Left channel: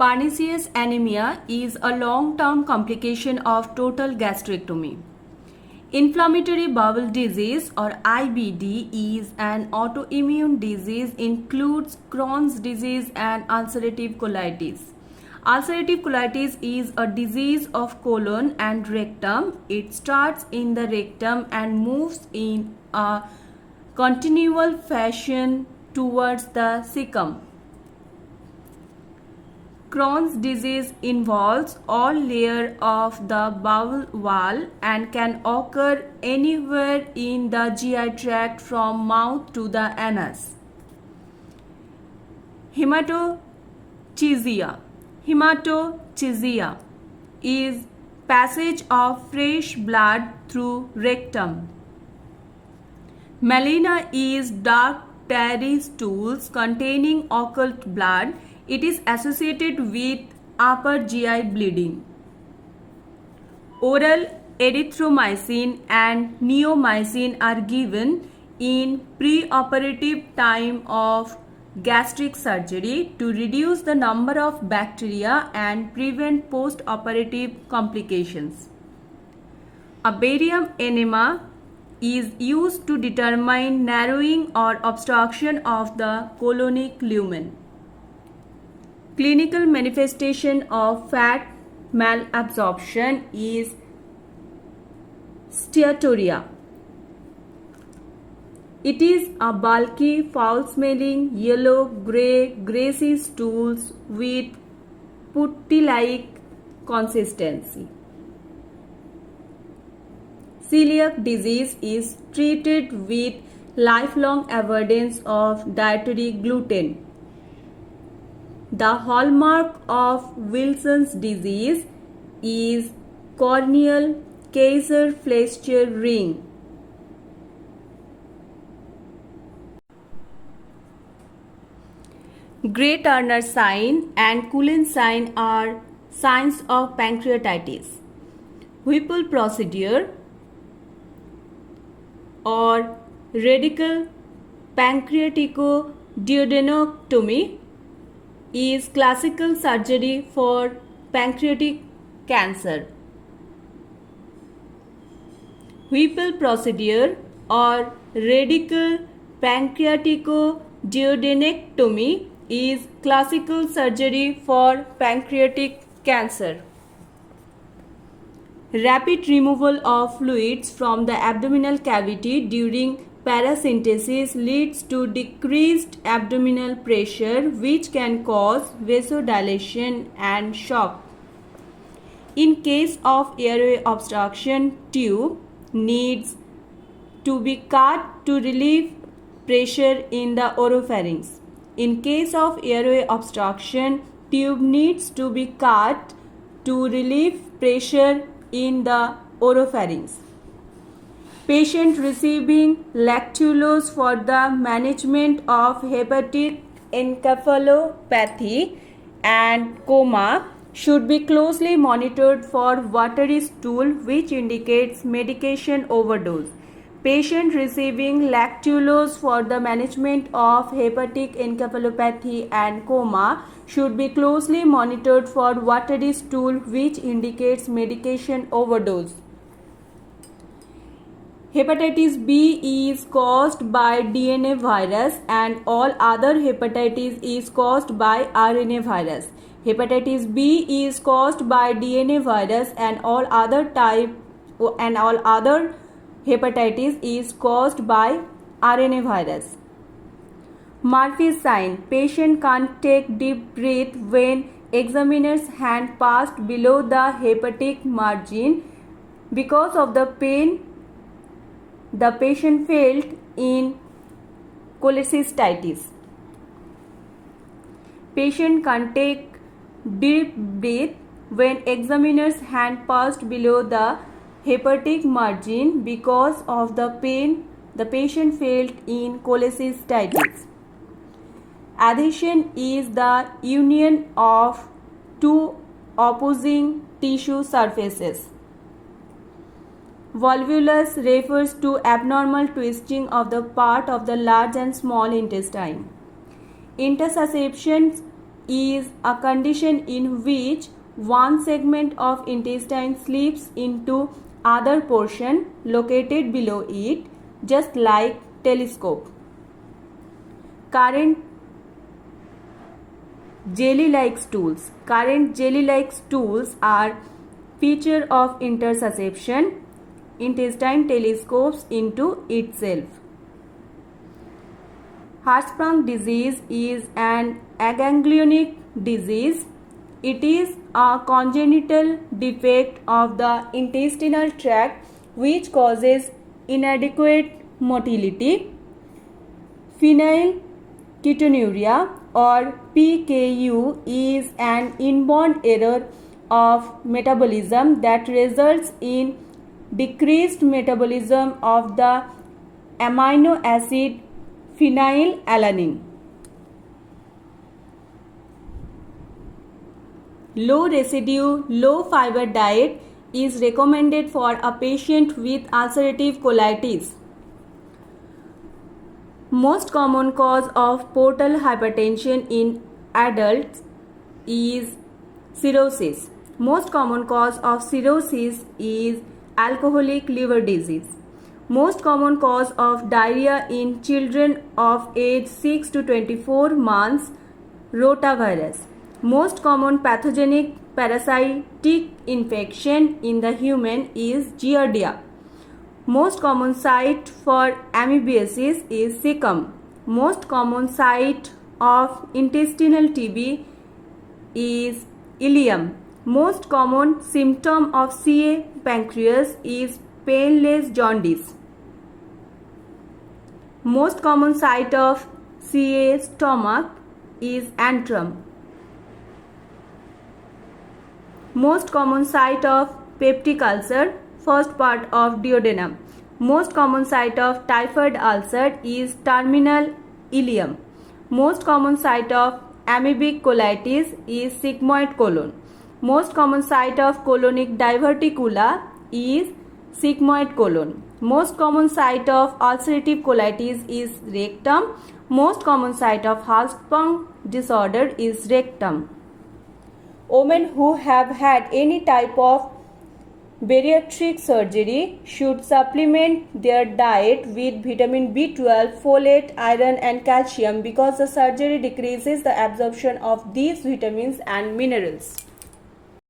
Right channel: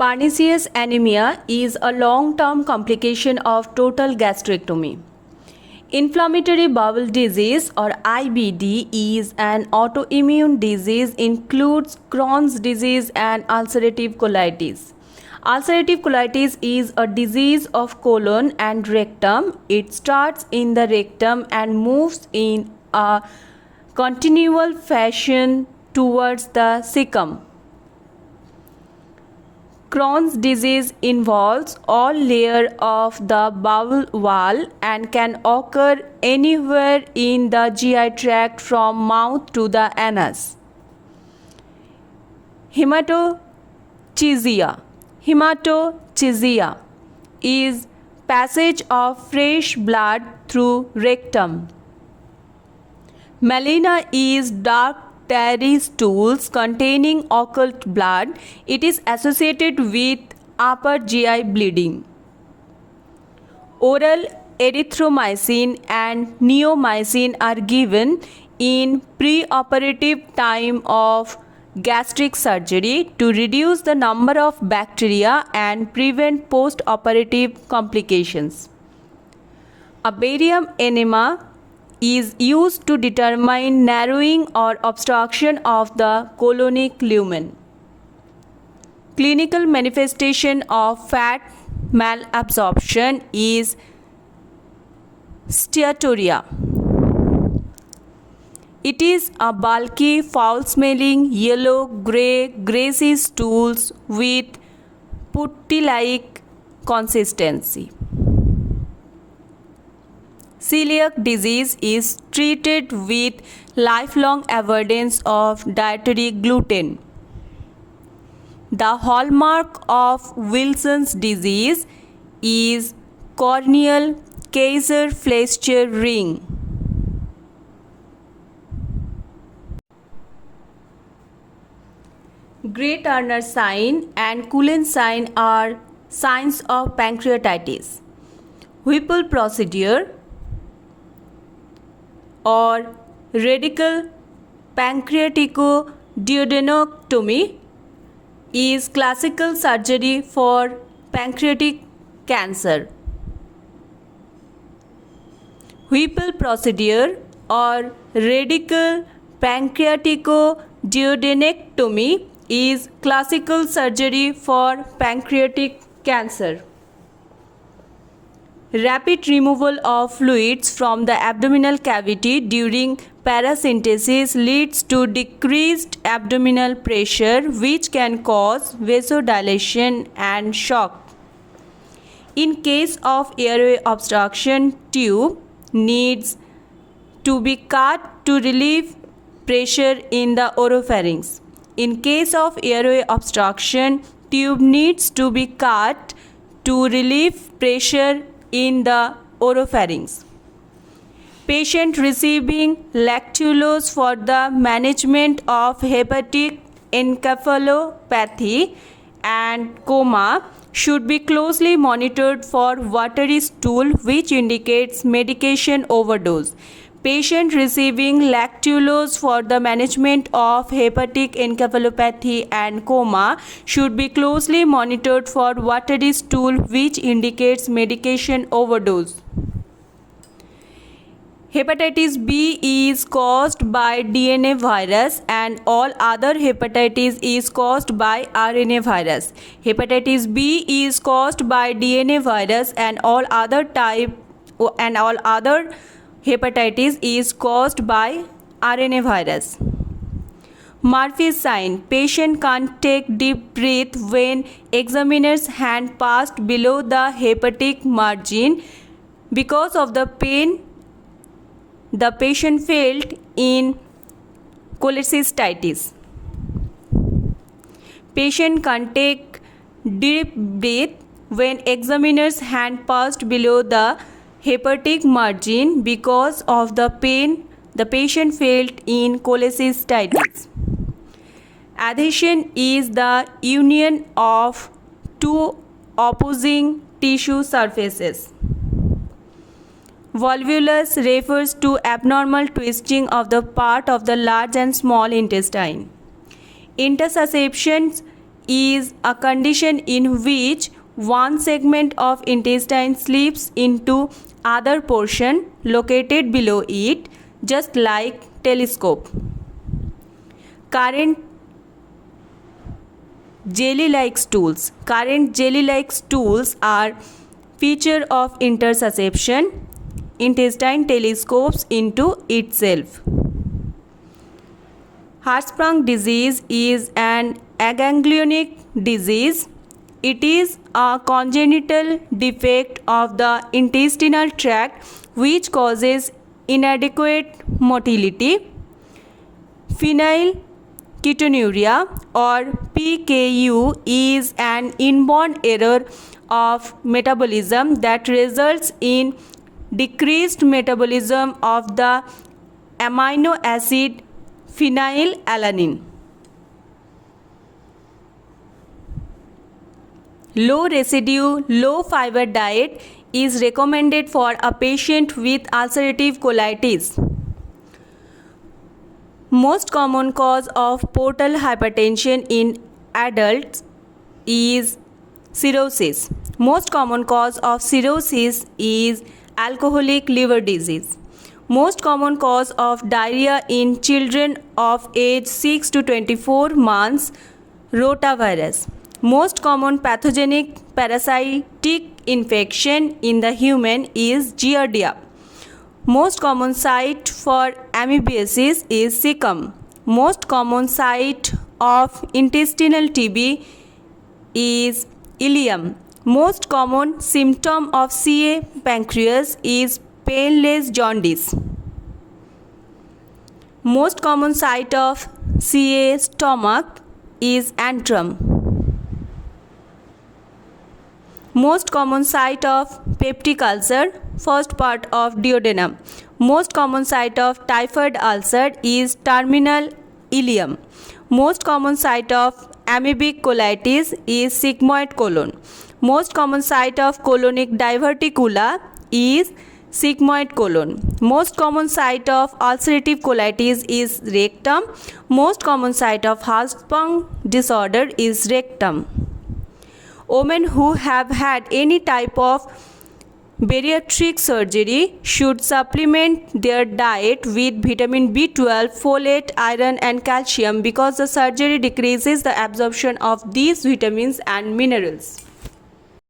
Pernicious anemia is a long-term complication of total gastrectomy. Inflammatory bowel disease or IBD is an autoimmune disease includes Crohn's disease and ulcerative colitis. Ulcerative colitis is a disease of colon and rectum. It starts in the rectum and moves in a continual fashion towards the cecum. Crohn's disease involves all layers of the bowel wall and can occur anywhere in the GI tract from mouth to the anus. Hematochezia. Hematochezia is passage of fresh blood through rectum. Melena is dark tarry stools containing occult blood. It is associated with upper GI bleeding. Oral erythromycin and neomycin are given in preoperative time of gastric surgery to reduce the number of bacteria and prevent post-operative complications. A barium enema is used to determine narrowing or obstruction of the colonic lumen. Clinical manifestation of fat malabsorption is steatorrhea. It is a bulky, foul-smelling, yellow, greasy stools with putty-like consistency. Celiac disease is treated with lifelong avoidance of dietary gluten. The hallmark of Wilson's disease is corneal Kaiser-Fleischer ring. Gray-Turner sign and Cullen sign are signs of pancreatitis. Whipple procedure or radical pancreaticoduodenectomy is classical surgery for pancreatic cancer. Whipple procedure or radical pancreaticoduodenectomy is classical surgery for pancreatic cancer. Rapid removal of fluids from the abdominal cavity during paracentesis leads to decreased abdominal pressure, which can cause vasodilation and shock. In case of airway obstruction, tube needs to be cut to relieve pressure in the oropharynx. In case of airway obstruction, tube needs to be cut to relieve pressure in the oropharynx. Patient receiving lactulose for the management of hepatic encephalopathy and coma should be closely monitored for watery stool, which indicates medication overdose. Patient receiving lactulose for the management of hepatic encephalopathy and coma should be closely monitored for watery stool, which indicates medication overdose. Hepatitis B is caused by DNA virus and all other hepatitis is caused by RNA virus. Hepatitis B is caused by DNA virus and all other hepatitis is caused by RNA virus. Murphy's sign. Patient can't take deep breath when examiner's hand passed below the hepatic margin. Because of the pain the patient felt in cholecystitis. Patient can't take deep breath when examiner's hand passed below the hepatic margin because of the pain the patient felt in cholecystitis. Adhesion is the union of two opposing tissue surfaces. Volvulus refers to abnormal twisting of the part of the large and small intestine. Intussusception is a condition in which one segment of intestine slips into other portion located below it, just like telescope. Current jelly-like stools. Current jelly-like stools are feature of intersusception. Intestine telescopes into itself. Hirschsprung disease is an aganglionic disease. It is a congenital defect of the intestinal tract which causes inadequate motility. Phenylketonuria or PKU is an inborn error of metabolism that results in decreased metabolism of the amino acid phenylalanine. Low residue, low fiber diet is recommended for a patient with ulcerative colitis. Most common cause of portal hypertension in adults is cirrhosis. Most common cause of cirrhosis is alcoholic liver disease. Most common cause of diarrhea in children of age 6 to 24 months, rotavirus. Most common pathogenic parasitic infection in the human is Giardia. Most common site for amoebiasis is cecum. Most common site of intestinal TB is ileum. Most common symptom of CA pancreas is painless jaundice. Most common site of CA stomach is antrum. Most common site of peptic ulcer, first part of duodenum. Most common site of typhoid ulcer is terminal ileum. Most common site of amoebic colitis is sigmoid colon. Most common site of colonic diverticula is sigmoid colon. Most common site of ulcerative colitis is rectum. Most common site of Hirschsprung disorder is rectum. Women who have had any type of bariatric surgery should supplement their diet with vitamin B12, folate, iron and calcium because the surgery decreases the absorption of these vitamins and minerals.